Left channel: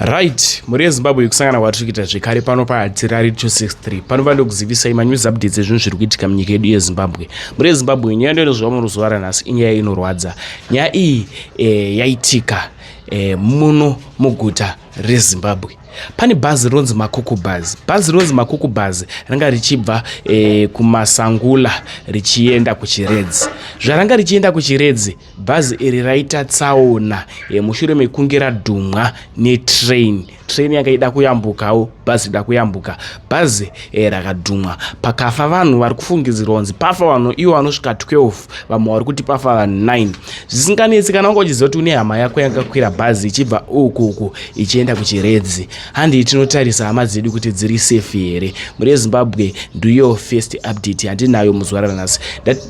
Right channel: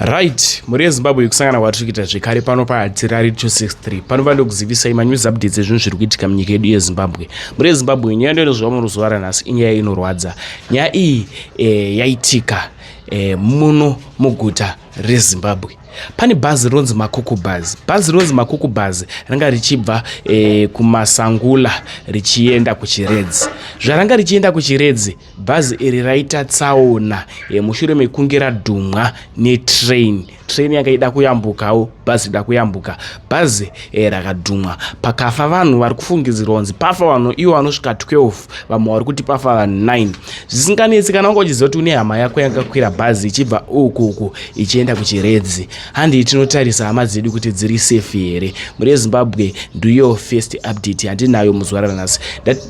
Right, muri Zimbabwe kusangana kwatiri kuita zvekare pano paHadzira 263 panova ndokuzivisai manews updates ezvinhu zviri kuitika munyika yedu yeZimbabwe. Muri Zimbabwe nyaya ndinozviwa muruzuva ranhasi inyaya inorwadza. Nyaya iyi yaitika muno muguta reZimbabwe. Pane bhazi ronzi Makuku Bus. Bhazi ronzi Makuku Bus ranga richibva kuMasangula richienda kuChiredzi. Zvaranga richienda kuChiredzi, bhazi iri raita tsaona mushure mekunge radhumwa netrain. Train yakaida kuyambukawo, bhazi ida kuyambuka. Bhazi rakadhumwa. Pakafa vanhu vari kufungidzirwa kunzi pafa vanhu ivo vanosvika 12, vamwe vari kuti pafa vanhu 9. Zvisinganetsi kana wanga uchiziva kuti une hama yako yakakwira bhazi ichibva uku ichienda kuChiredzi. Handi tinotarisa hama dzedu kuti dziri safe here. Muri Zimbabwe ndiyo first update yandinayo muzuva ranhasi.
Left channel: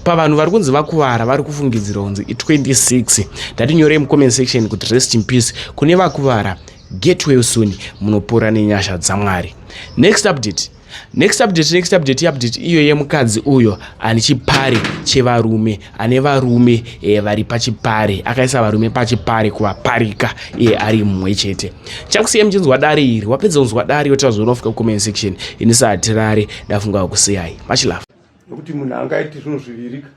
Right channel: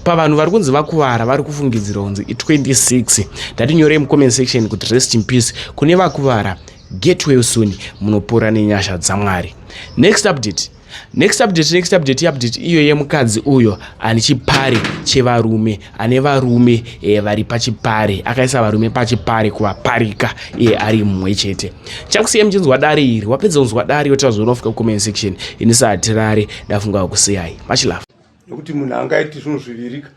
Pavanhu vari kunzi vakuvara vari kufungidzirwa kunzi 26. Ndatinyorei mucomment section kuti rest in peace kune vakuvara. Get well soon, munopora nenyasha dzaMwari. Next update iyo yemukadzi uyo ane chipare chevarume, ane varume vari pachipare, akaisa varume pachipare kuvaparika ari mumwe chete. Chakusiyai muchinzwa dare iri, wapedza kunzwa dare yotaura zvaunofika kucomment section. Ini sahatirare ndafunga kusiyai. Much love. Nokuti munhu angaiti zvinhu zvivirika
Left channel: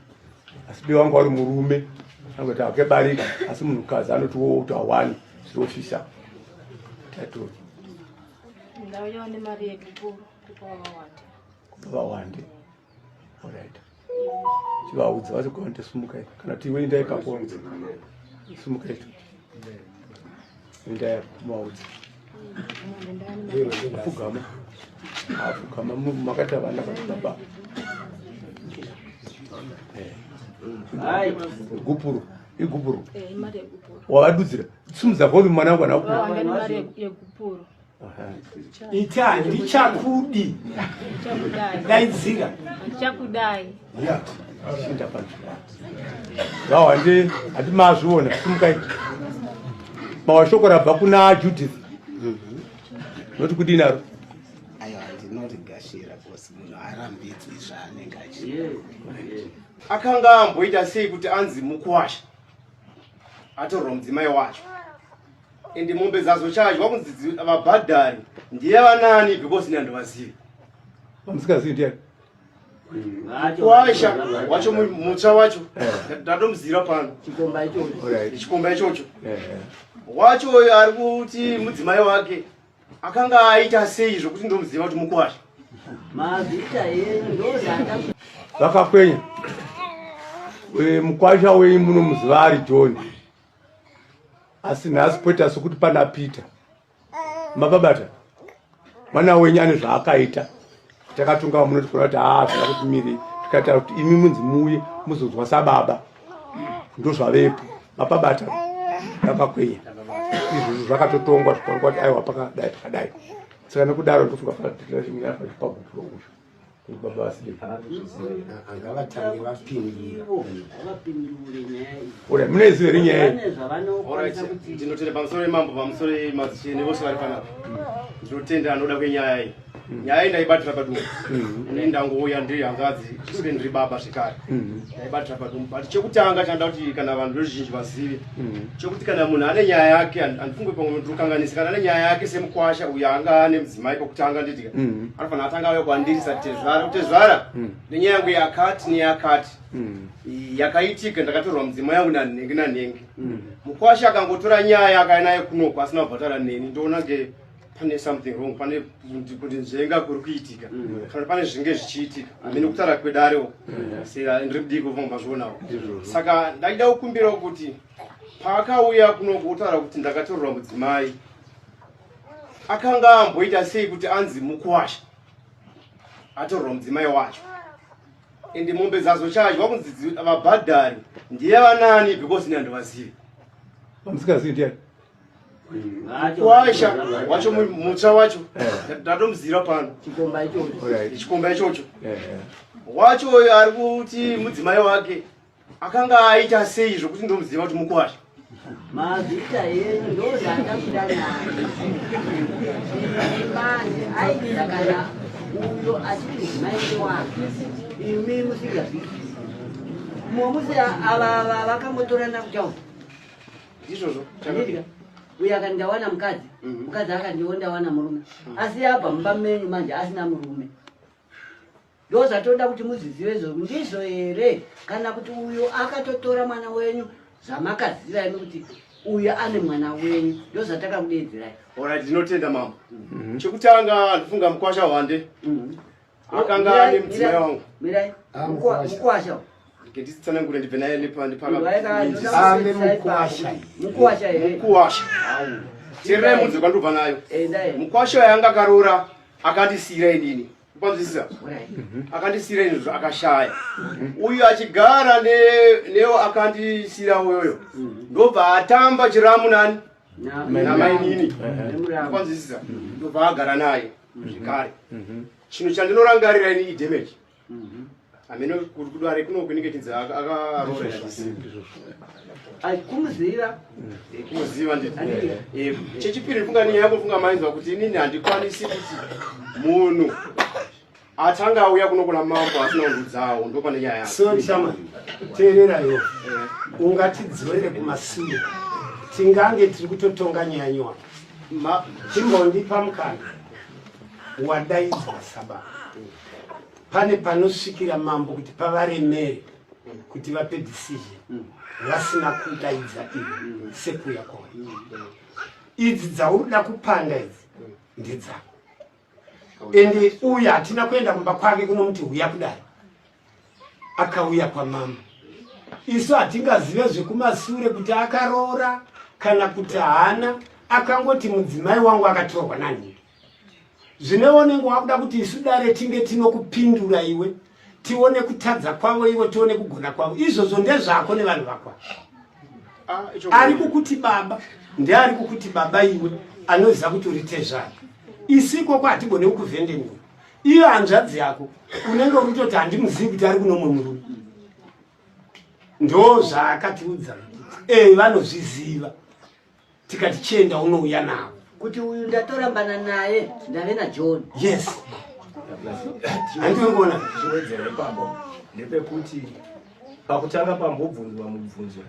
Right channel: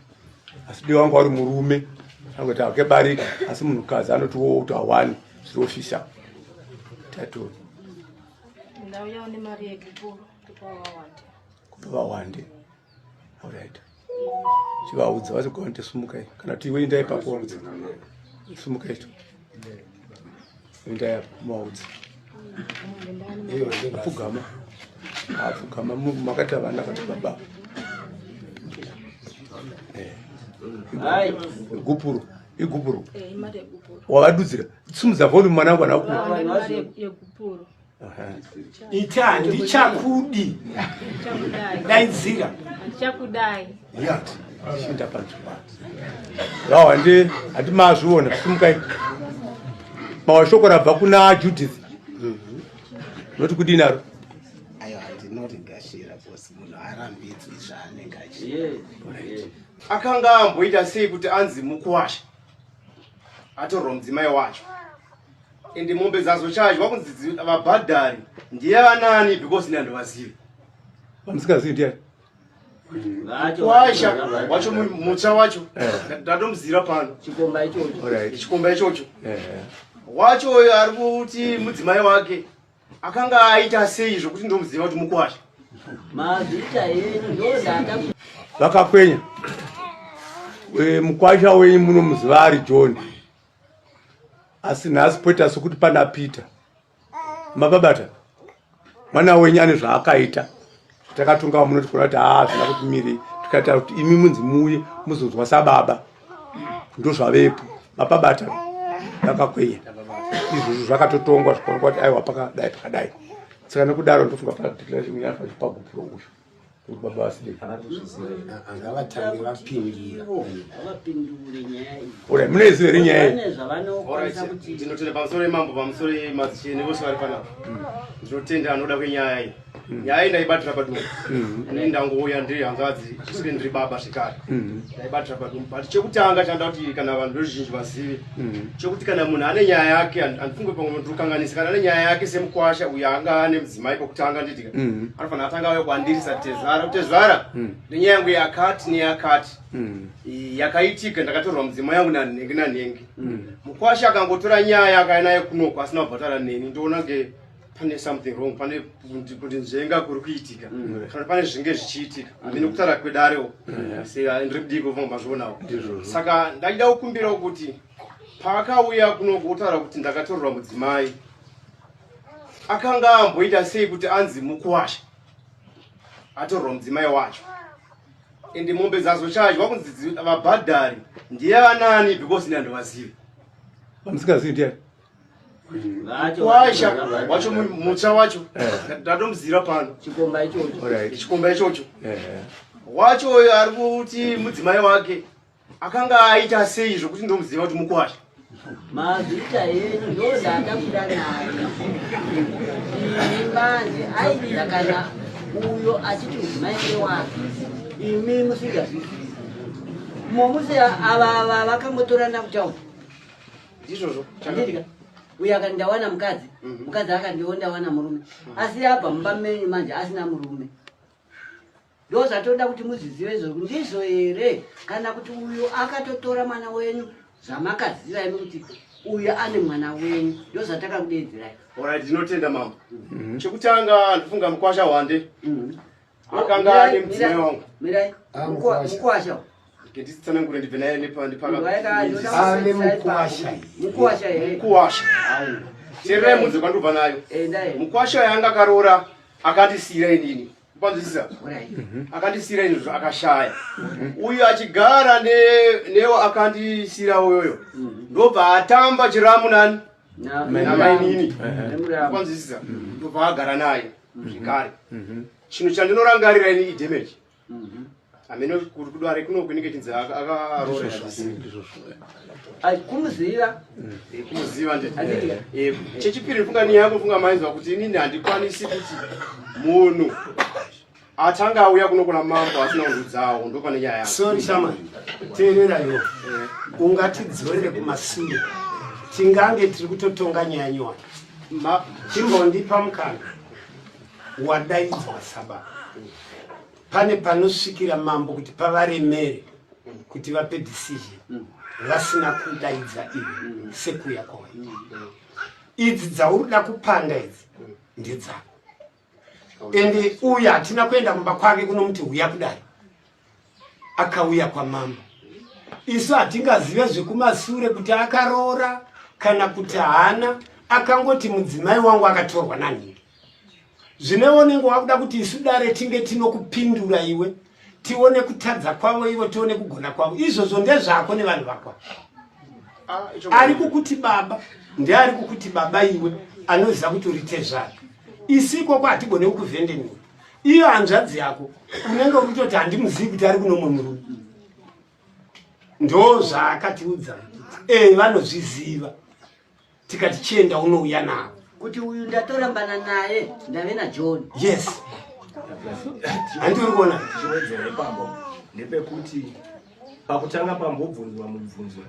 asi diwa wanga uri murume angoti akebarika asi munhukadzi anotiwo kuti awani zvinofisa tatu ndauya ne mari yekupuro kupa vawande. Alright, chivaudza vachigonde sumukai kana kuti iwe indai papo sumukai tu indai maudzi apfugama makati avana kuti baba igupuro wavadudzira simudza volume mwana wangu yekupuro ita ndichakudi dainzira chakudai yati shinda panzvimbo vawande hati mazviona simukai mawashoko rabva kuna Judith noti kudini aro akanga amboita sei kuti anzi mukuwasha atorwa mudzimai wacho ende mombe zazo chadya kunzi vabhadhari ndiye vanani because ndandovazivi vamusikazivi ndiani kuwasha wacho mutsva wacho ndatomuzira pano chikomba ichocho wacho uyo ari kuti mudzimai wake akanga aita sei zvokuti ndomuziva kuti mukuwasha vakakwenya mukwasha wei munomuziva ari John asi nhasi poita sokuti pana Peter mababata mwana wenyu ane zvaakaita takatunga munoti kuna kuti zvina kuti miri tikataura kuti imi munzi muuye muzonzwa sababa ndozvavepo mababata vakakwenya izvozvo zvakatotongwa zvikaonekwa kuti aiwa pakadai pakadai saka nekudaro ndofunga pagupuro uyu baba vasidei angavatange vapindira ora munezive renyaya ndinotenda pamusoro emambo pamusoro emadzichene vose vari panapa ndinotenda anoda kwenyaya iyi nyaya iyi ndaibatira padumbu ini ndangouya ndiri hanzvadzi isuke ndiri baba zvikare ndaibatira padumbu but chekutanga chanda kuti kana vanhu veruzhinji vazive chekuti kana munhu ane nyaya yake handifunge pamwe ndikukanganisa kana ane nyaya yake semukwasha uyo anga ane mudzimai pokutanga nditika anofanira atanga auya kuandirisa kutezvara nenyaya yangu yakati neyakati yakaitika ndakatorwa mudzimai yangu nanhenge nanhenge mukwasha akangotora nyaya akainaye kunoko asina kubvatara neni ndoona nge pane something wrong, pane kuti nzvenga kuri kuitika kana pane zvinge zvichiitika hamene kutaura kwedarewo saka ndiri kudii kuva mazvionawo saka ndachida kukumbirawo kuti paakauya kunoko kutaura kuti ndakatorerwa mudzimai akanga amboita sei kuti anzi mukuwasha atorerwa mudzimai wacho ende mombe zazo chadya kunzi vabhadhari ndiye vanani because ndandovazivi vamusikazivi ndiani kuwasha wacho mutsva wacho ndatomuzira pano chikomba ichocho wacho uyo ari kuti mudzimai wake akanga aita sei zvokuti ndomuziva kuti mukuwasha mazita yenyu ndozvakabuda nayo ibani aidira kana uyo achiti mudzimai wake imi musingazvizi momuse ava vakambotorana kutaura izvozvo uyu akandawana mukadzi mukadzi akandiwo ndawana murume asi yabva mumba menyu manje asina murume ndo zvatoda kuti muzizive izvozvo ndizvo here kana kuti uyu akatotora mwana wenyu zvamakaziva imi kuti uyu ane mwana wenyu ndo zvatakakudedzerai. Alright, ndinotenda mama. Chekutanga ndifunga mukwasha wande. Akanga ane mudzimai wangu. Mirai mukwasha ndisitsana ngure ndibve naye ndipaka ane mukwasha here mukwasha tira munzi kwandubva nayo mukwasha yanga karora akandisira inini panzisa akandisira inini akashaya uyu achigara neo akandisira uyoyo ndobva atamba chiramu nani na mainini panzisa ndobva agara naye zvekare chinhu chandinorangarira ini idamage amene kuti kudware kuno kunike tinza akarora kumuziva kumuziva chechipiri funga ni yako funga mainzwa kuti inini handikwanisi kuti munhu atanga auya kunokola mambo asina undudzawo ndo pane nyaya yako so chama teererayo ungatidzorere kumashure tingange tiri kutotonga nyaya nyowani chimbondipa mukana wadaidzwa sabata pane panosvikira mambo kuti pavaremere kuti vape decision vasina kudaidza iwe sekuya kwawo idzi dzaurikuda kupanda idzi ndedzako ende uya hatina kuenda mumba kwake kunomuti uya kudai akauya kwamambo isu hatingazive zvekumashure kuti akarora kana kuti haana akangoti mudzimai wangu akatorwa nani zvineonenge wakuda kuti isu dare tinge tinokupindura iwe tione kutadza kwavo iwe tione kugona kwavo izvozvo ndezvako nevanhu vakwa ari kukuti baba ndeari kukuti baba iwe anoziva kuti urite zvake isi ikoko hatigone kukuvhendeniwa iyo hanzvadzi yako unenge kutoti handimuzivi kuti ari kunomwe murume ndo zvaakatiudza vanozviziva tikati chienda unouya navo kuti uyu ndatorambana naye ndave naJohn. Yes. Andikuona chiwedzera ipapo ndepekuti pakutanga pambobvunzwa mubvunzo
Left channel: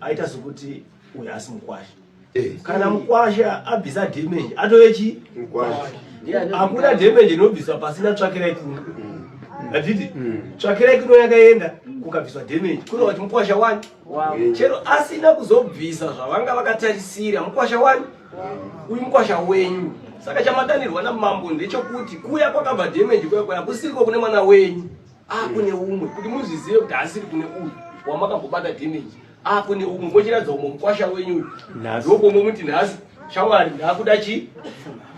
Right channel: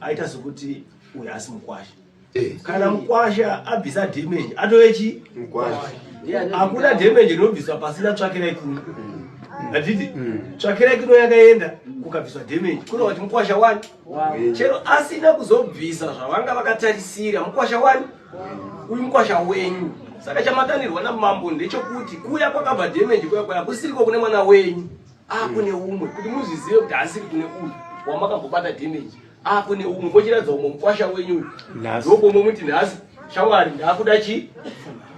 aita sokuti uyu asi mukwasha kana mukwasha abvisa damage atovechi mukwasha hakuna damage inobviswa pasina tsvakirai kuno hatiti tsvakirai kuno yakaenda kukabviswa damage kuno kuti mukwasha 1 chero asina kuzobvisa zvavanga vakatarisira mukwasha 1 uyu mukwasha wenyu saka chamatanirwa namambo ndechokuti kuya kwakabva damage kuya kusiriko kune mwana wenyu kune umwe kuti muzvizive kuti asiri kune uyu wamakambobata damage kune umwe mochiradza umwe mukwasha wenyu ndokomwe muti nhasi shamwari ndakuda chi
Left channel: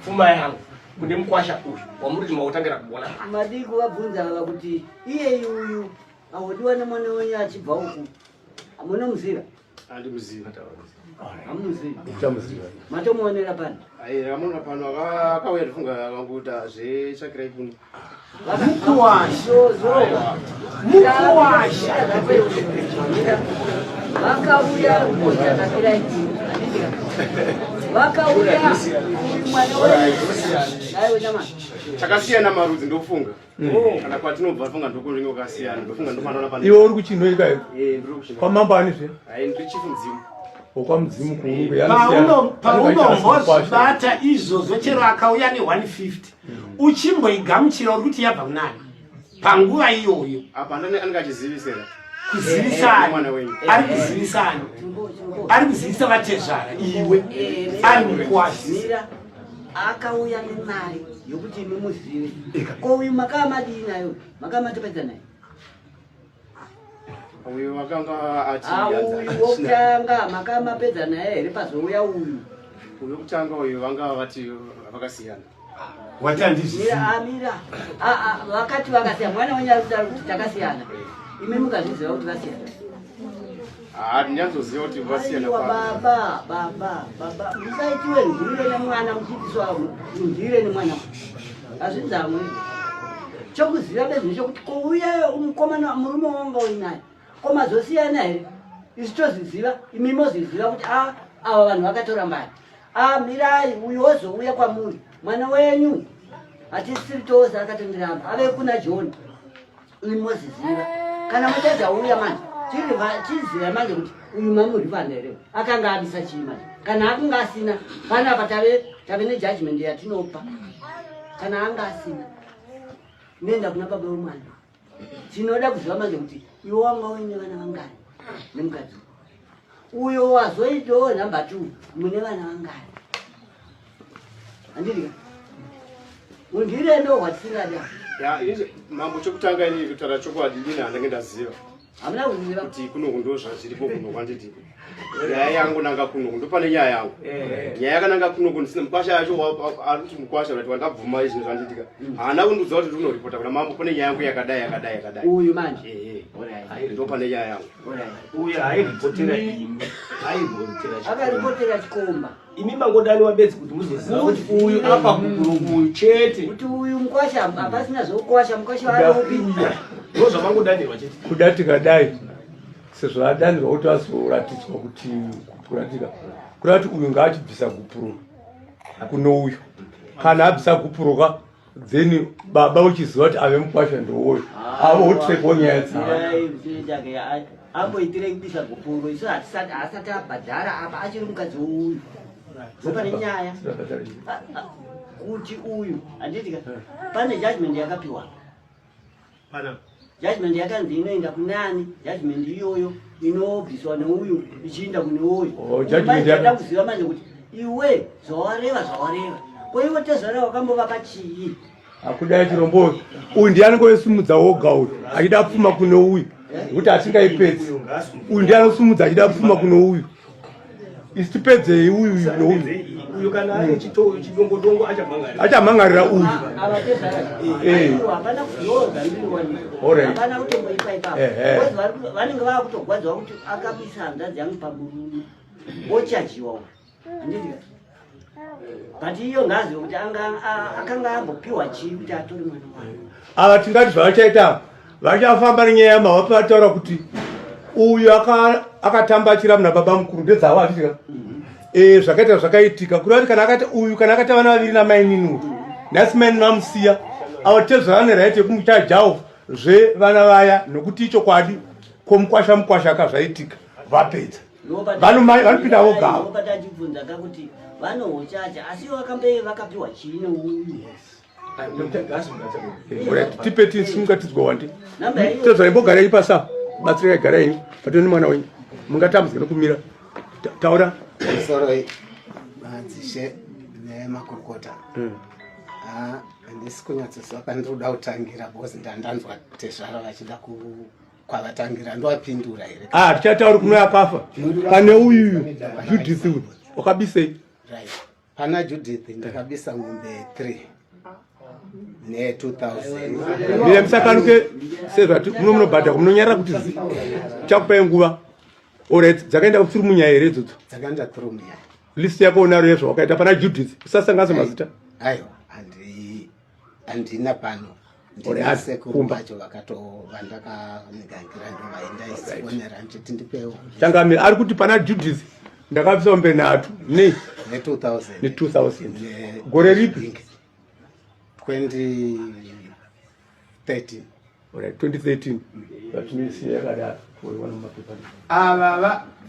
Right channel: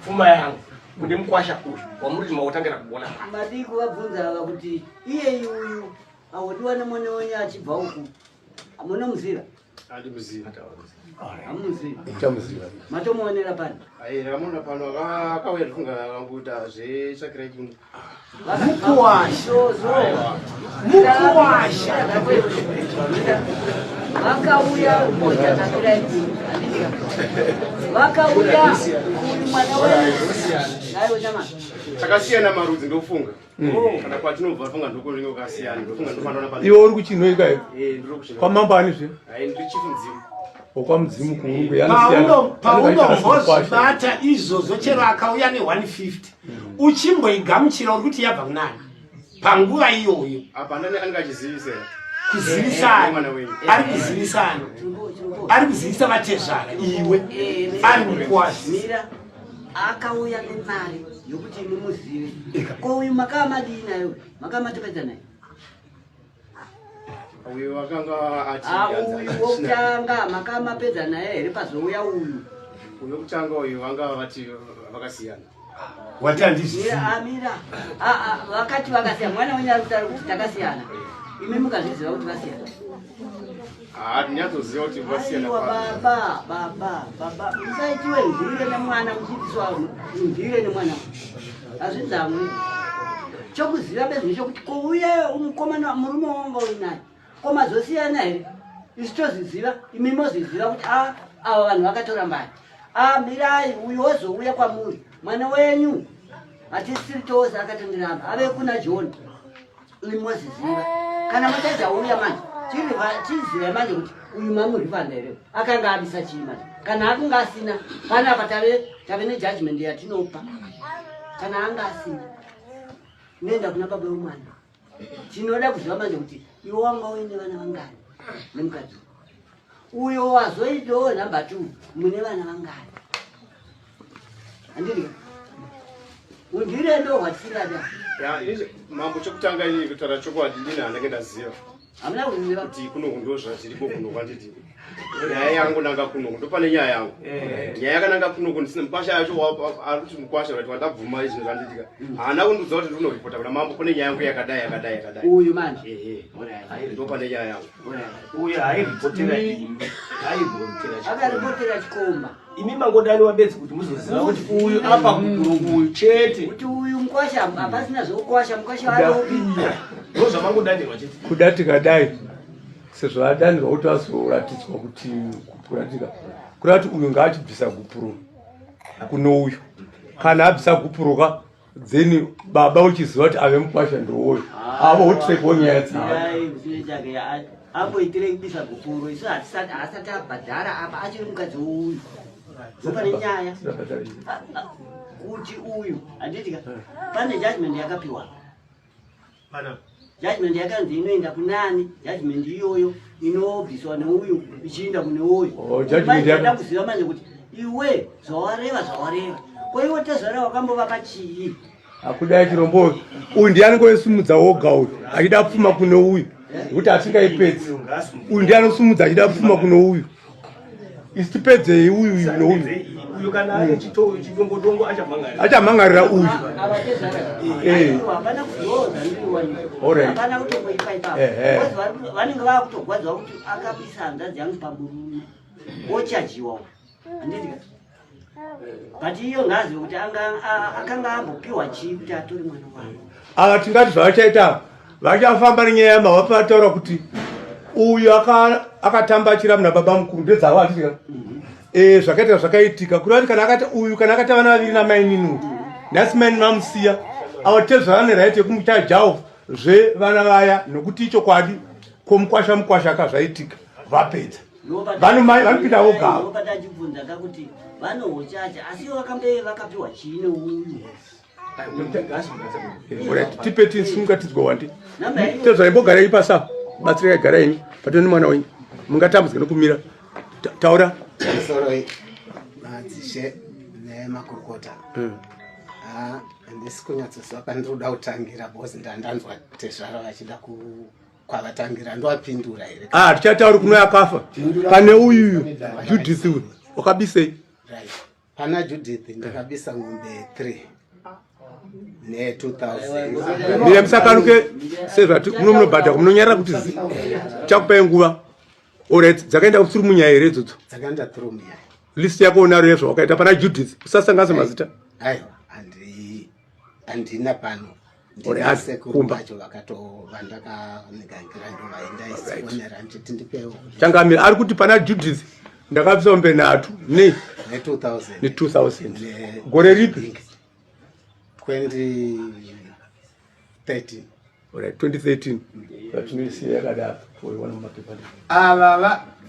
pfuma yangu kune mukwasha uyu wamuri makutangira kuona madii kuvabvunza vava kuti iye uyu awodiwa nemwana wenyu achibva uku munomuziva handimuziva hamuziva matomuonera pano ramona pano akauya ndifunga akanguta zvetsvakirai kuno vakauya kotatakirai kuno handitika vakauya uyu mwana wenyu chama takasiyana marudzi ndofunga kana kwatinobva funga ndokuringe ukasiyana ndofunga ndokanaona pano iwe uri kuchinoika iwe kwamamba anizve ndiri chifu mudzimu okwamudzimu kuungu paunombozvibata izvozvo chero akauya ne150 uchimboigamuchira uri kuti yabva kunani panguva iyoyo apa ndani anenge achizivisira kuzivisana ari kuzivisana ari kuzivisa vatezvara iwe ari mukwasi akauya nemari yokuti imi muzive ko uyu makamadii nayo makamatopedza naye uyu wakanga uyu wokutanga makamapedza naye here pazouya uyu wekutanga uyu vanga vati vakasiyana mira vakati vakasiyana mwana wenyu ari kutaura kuti takasiyana imi mukazviziva kuti vasiyana ndinyazoziva kuti vasiyana baba musaitiwe ndire nemwana muchiitiswa ndire nemwana hazvidzamwe chokuziva bezvino chokuti kouya mukomana murume wanga uinaye komazosiyana here isu tozviziva imi mozviziva kuti ava vanhu vakatora mbari mirai uyu wozouya kwamuri mwana wenyu hatisiri tose akatondiramba ave kuna John imi mozviziva kana mutedza uya manje chiziva manje kuti uyu mamurivanda here akanga abisa chii manje kana akunga asina panapa tave nejudgment yatinopa kana anga asina nenda kuna baba wemwana tinoda kuziva manje kuti iwe wanga uine vana vangani nemukadzi uyo wazoitawo namba 2 mune vana vangani andiri undire ndo watisingada mambo chokutanga ini kutara chokwadi ndina ndenge ndaziva hamuna kuziva kuti kuno kundozva zviripo kuno kwanditi nyaya yangu nanga kuno ndopane nyaya yangu nyaya yakananga kuno kundisina mukwasha yacho arikuti mukwasha kuti vandabvuma izvinhu zvanditika haana kundiudza kuti kunoripota kuna mambo kune nyaya yangu yakadai uyu manje ndopane nyaya yangu uyu hairipotera imi akaripotera chikomba imi mangodani wabedzi kuti muzoziva kuti uyu apa uyu chete kuti uyu mukwasha hapasina zvokukwasha mukwasha waropi ndozva mangodanirwa chete kuda tikadai sezvo adanirwa kuti azoratidzwa kuti kupuratika kuda kuti uyu ngaatibvisa gupuro kuno uyu kana abvisa gupuroka then baba uchiziva kuti ave mukwasha ndouyu avo utrekwo nyaya dzake amboitire kubisa gupuro isu asati abhadhara apa achiri mukadzi wouyu zopane nyaya kuti uyu handitika pane judgment yakapiwa judgment yakanzi inoenda kunani judgment iyoyo inobviswa neuyu ichienda kune uyu maida kuziva manje kuti iwe zvawareva kwaiwe tezvara wakambova pachii akudai chirombo uyu ndianongoisumudza woga uyu achida pfuma kune uyu kuti atingaipedzi uyu ndianosumudza achida pfuma kune uyu isi tipedzei uyu nouyu uyu kana ane chidongodongo achamhangarira uyu hapana kuzoza hapana kutomboipa ipapo vanenge vakutogwadzwa kuti akabisa hanzvadzi yangu paburume ochajiwa handitika but iyo ngazi kuti akanga ambopiwa chii kuti atore mwana wavo ava tingati zvavachaita vachafamba nenyaya yamahwa vataura kuti uyu akatambachira muna baba mukuru ndedzavo atitika zvakaita zvakaitika kurati uyu kana akati vana vaviri namai nini nhasi mai vamusiya avo tezvava neraiti yekumuchajawo zvevana vaya nokuti ichokwadi komukwasha akazvaitika vapedza vanopinda vogavo tachibvunza kakuti vanohochacha asi vakambe vakapiwa chii neuyu tipe tisingatidzwa wandi tezvaimbogarai pasa batsira garai patoni mwana wenyu mungatambudzika nokumira taura soro madzishe nemakurukota handisi kunyatsoziva pane ndoda kutangira bhosi ndandanzwa tezvara vachida kwavatangira ndowapindura here tichatauri kuno yakafa pane uyuyu Judith uyu wakabisei pana Judith ndakabisa ng'ombe 3 ne2000 mira musakanuke sezvati munobhadha munonyarira kuti chakupai nguva alright dzakaenda kusuru munyaya here idzodzo dzakaenda through munyaya list yako unaro yezvawakaita pana Judith usasanganisa mazita aiwa handina pano ndinasekuru vacho vandakanigangira ndo vaendaisifonera nditi ndipewo changamira ari kuti pana Judith ndakabvisa ng'ombe 3 ne2000 gore ripi 2013 2013 patinoisiya yakadaro wanomapepa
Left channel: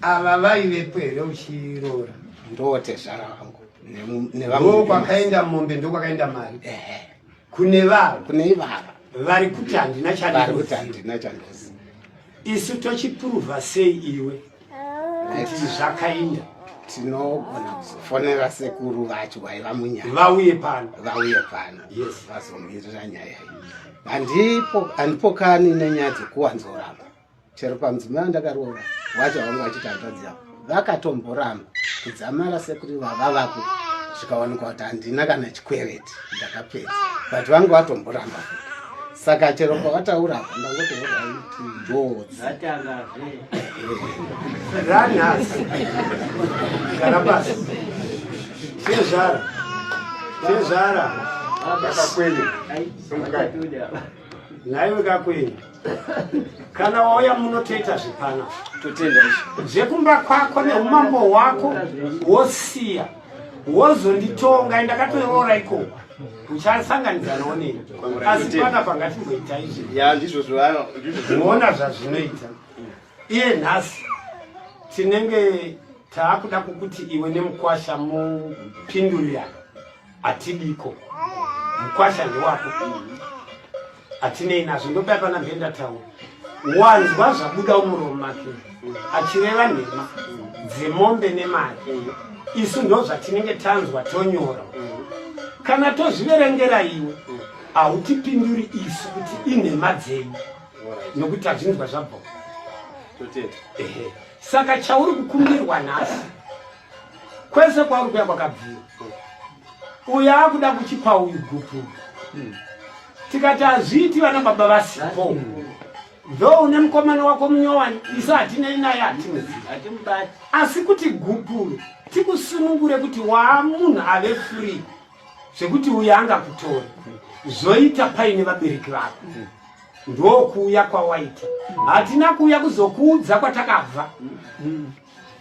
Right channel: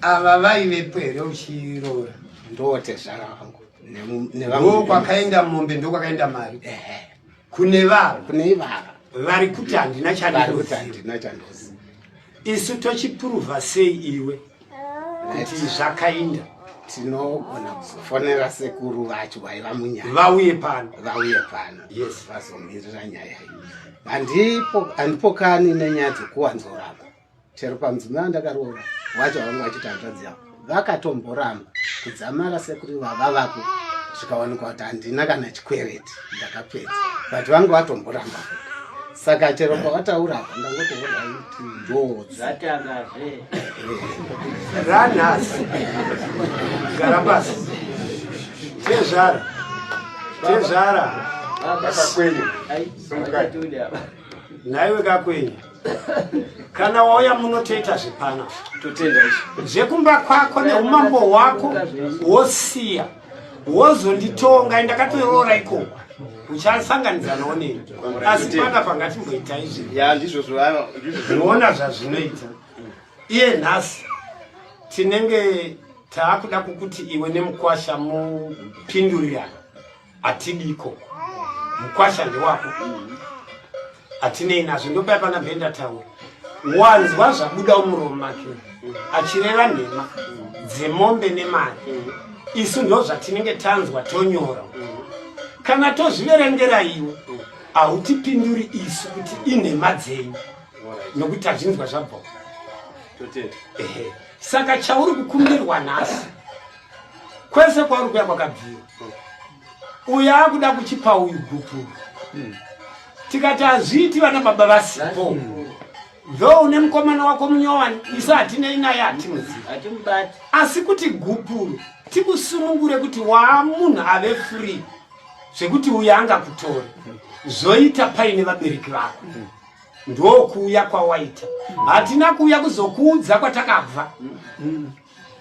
ava vaivepo here uchirora ndotezvara vangu nevakwakaenda mombe ndokwakaenda mari kune ivava vari kuti handina chandozi isu tochipuruvha sei iwe kuti zvakainda tinogona kuzofonera sekuru vacho vaiva munyaya vauye pano yes vazomirira nyaya iyi handipokani nenyaya dzekuwanzoramba chero pamudzimai ndakarova vacho vanga vachiti hanzvadzi yavo vakatomboramba kudzamara sekuru ivava vapo zvikawanikwa kuti handina kana chikwereti ndakapedza but vanga vatomboramba saka chero pavataura apa ndangotouraiti ndodzi ranhasi zvarabasi tezvara naiwe kakwenya kana wauya munotoita zvipana totenda zvekumba kwako neumambo hwako wosiya wozonditonga ndakatoroora ikoko uchasanganidza nonei asi panapa ngatimboita izvi ya ndizvo zvinoona zvazvinoita iye nhasi tinenge taakuda kukuti iwe nemukwasha mupindurirana atidiko mukwasha ndewako atinei nazvo ndopa pana bhenda taura wanzwa zvabuda muromo make achireva nhema dzemombe nemari isu ndo zvatinenge tanzwa tonyora kana tozviverengera iwe hautipinduri isu kuti inhema dzenyu nokuti hazvinzwa zvabva saka chauri kukumbirwa nhasi kwese kwauri kuya kwakabviwa uyo akuda kuchipa uyu gupuru tikati hazviiti vana baba vasipo ndo une mukomana wako munyowani isu hatinei naye hatimuzivi asi kuti gupuru tikusunungure kuti waamunhu ave free zvekuti uyo angakutora zoita paine vabereki vako ndokuuya kwawaita hatina kuuya kuzokuudza kwatakabva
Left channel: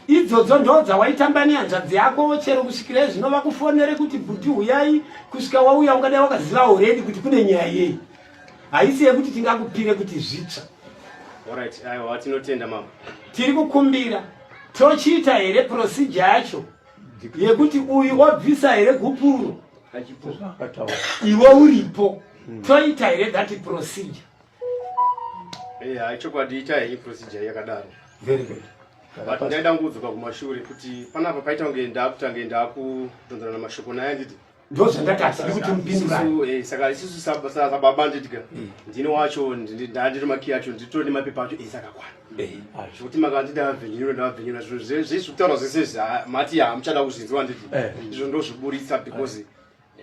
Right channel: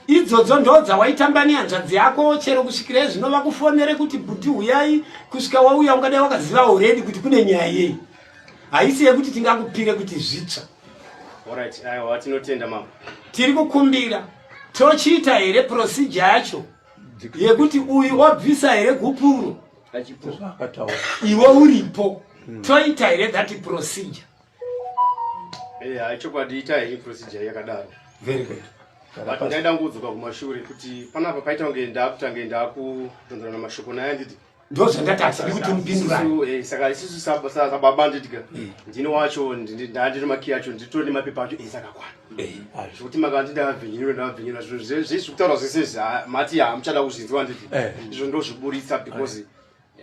idzodzo ndo dzawaitamba nehanzvadzi yako chero kusvikira zvino vakufonere kuti bhuti uyai kusvika wauya ungada wakaziva already kuti kune nyaya yei haisi yekuti tingakupire kuti zvitsva. Alright, aiwa tinotenda mama. Tiri kukumbira tochiita here procedure yacho yekuti uyu wabvisa here gupuro iwe uripo toita here that procedure. Chokwadi ita hii procedure yakadaro. Very good. But ndaida ngudzuka kumashure kuti panapa paita ngenda kutondora na mashoko naye nditi ndoze ndati kuti mpindura saka isusu sababa nditika ndini wacho ndandiri maki yacho nditori mapepa acho isakakwana kuti makandida venyu zvisi kutaura zvese mati amuchada kuzvinzwa nditi izvo ndozviburitsa because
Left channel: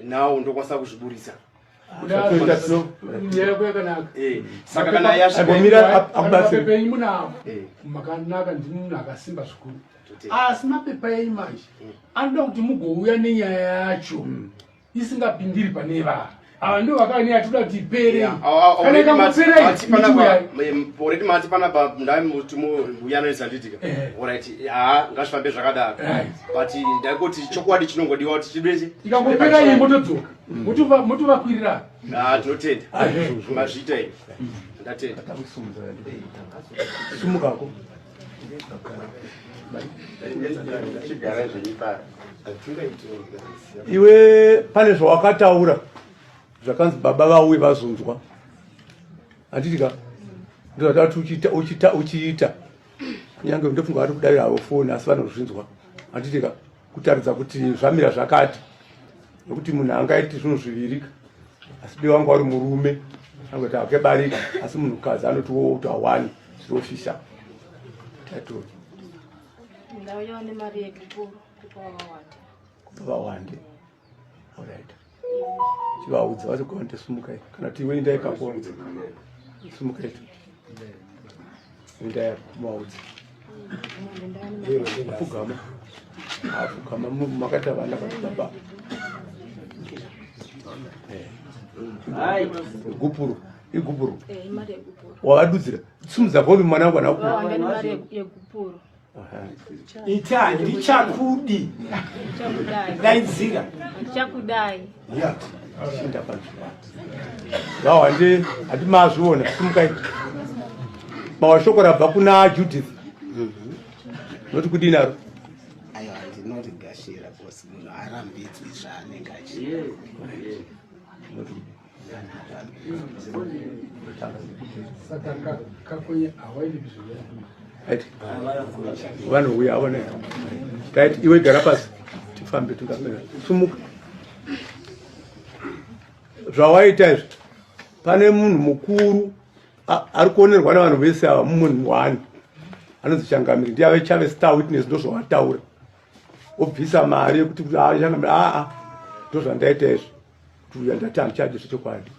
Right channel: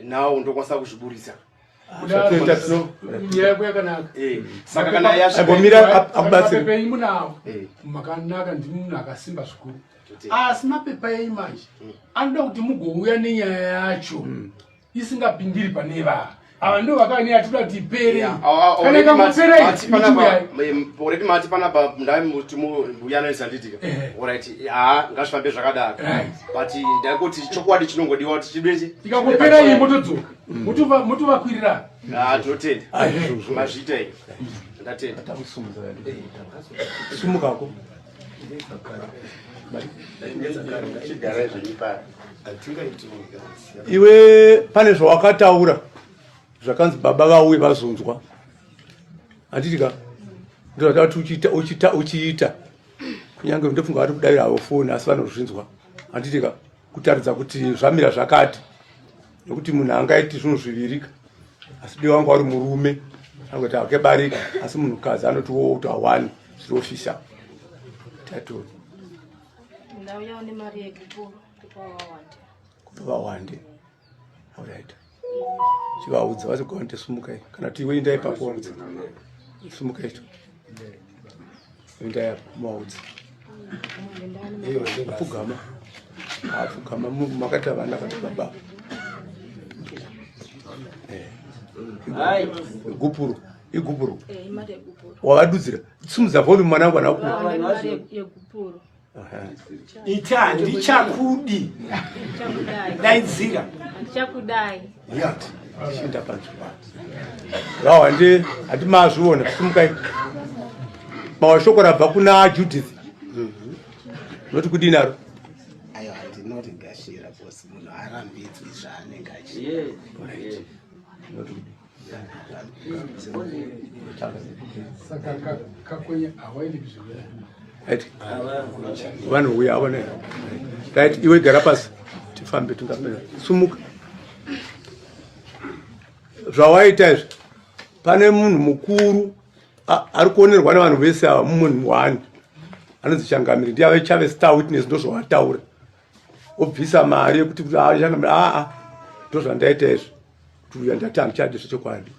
now ndokwanisa kuzviburitsa saka kana yasvika imunawo makanaka ndi munhu akasimba zvikuru asi mapepa eimanje anoda kuti mugouya nenyaya yacho isingapindiri pane vava ava ndo vakane atoda kuti ipere already mati panapa ndai muti muyanoisa nditika alright ngazvifambe zvakadaro but ndakuti chokwadi chinongodiwa kuti chibese ikangopera iyi motodzoka motovakwirira tinotenda mazviita iyi ndatenda sumukako iwe pane zvawakataura zvakanzi baba vauye vazonzwa handitika ndoda kuti uchiita kunyange ndofunga vari kudavira havo foni asi vanozvinzwa handitika kutaridza kuti zvamira zvakati nekuti munhu angaiti zvinhu zvivirika asi dei wangu wari murume angoti akebarika asi munhukazi anoti wouta 1 zvinofisha taito ndauya nemari yekupuro kupa vawande alright chivaudza vachigonde sumukai kana kuti iwe indai paponza sumukai tu indai kumaudza apfugama makati avana baba igupuru wavadudzira simudza vhomi mwana yegupuro iti handichakudi daidzira handichakudai yati shinda panzvimbo vawande handimazviona simukai mawashoko rabva kuna Judith noti kudini aro ayo handinoti gashira bosi munhu arambidzwi zvaanenge achiita saka kakwenye hawaendi kuzvivera vanhu uya avona right iwe gara pasi tifambe tingapera sumuka zvawaita izvi pane munhu mukuru ari kuonerwa navanhu vese ava mumunhu wani anonzi Changamire ndiye ave chave star witness ndo zvawataura obvisa mari yekuti Changamire ndo zvandaita izvi kuti uya ndati handichadi zvechokwadi